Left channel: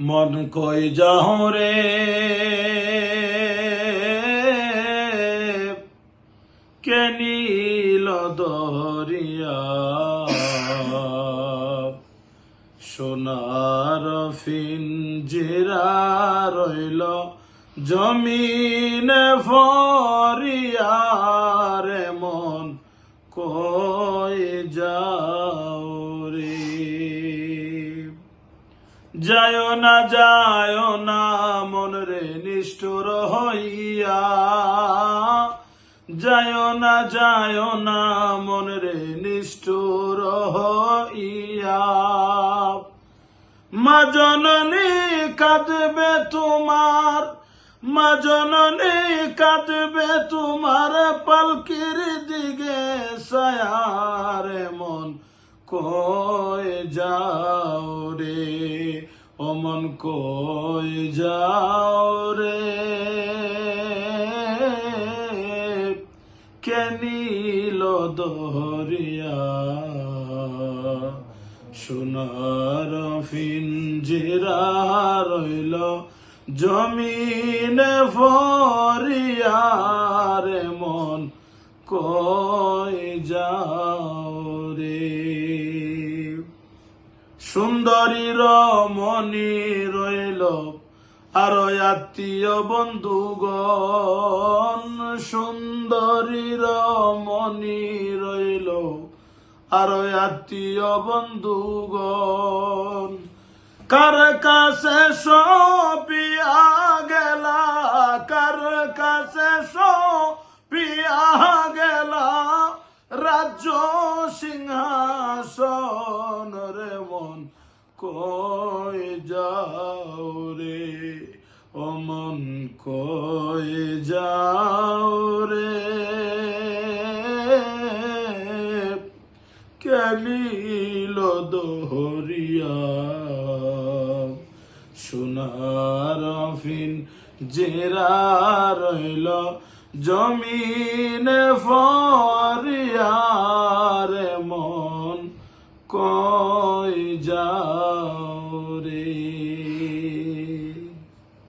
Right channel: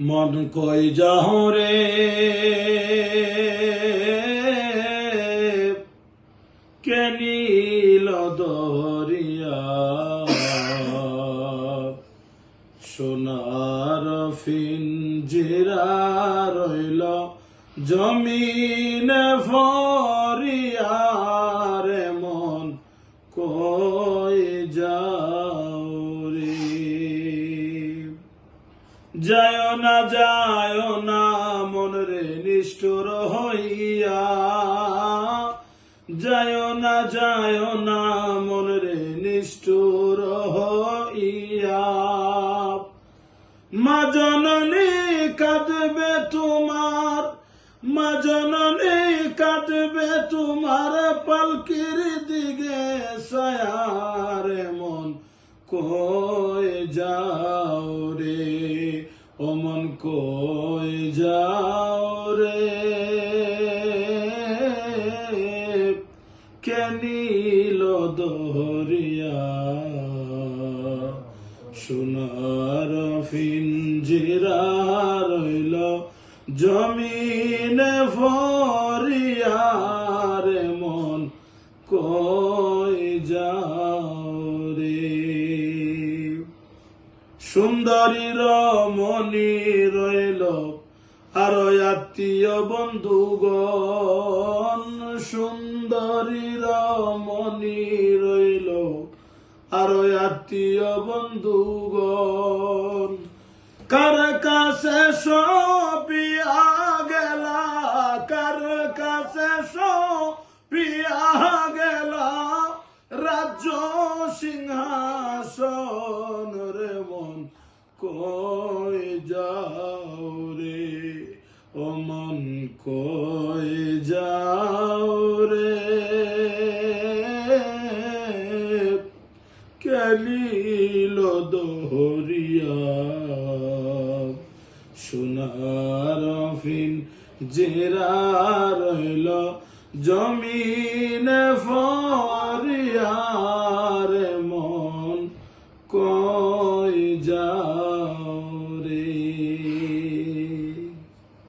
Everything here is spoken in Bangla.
মন কই যাও রে কে নীল দরিয়া সোনার পিঞ্জিরা রইল জমিনে ভরিয়া রে মন কই যাও রে যায় না মন রে নিষ্ঠুর হইয়া যায় না মন রে নিষ্ঠুর হইয়া মা জননী কাঁদবে তোমার মা জননী কাঁদবে তোমার পালকির দিকে সায়ারে মন কই যাও রে ও মন কই যাও রে কে নীল দরিয়া সোনার পিঞ্জিরা রইল জমিনে ভরিয়া রে মন কই যাও রে সুন্দরী রমণী রইল আর আত্মীয় বন্ধুগণ সুন্দরী রমণী রইল আর আত্মীয় বন্ধুগণ কার কাছে সপিয়া গেলা কার কাছে সপিয়া গেলা রাজ্য সিংহাসন রে মন কই যাও রে ও মন কই যাও রে কে নীল দরিয়া সোনার পিঞ্জিরা রইল জমিনে ভরিয়া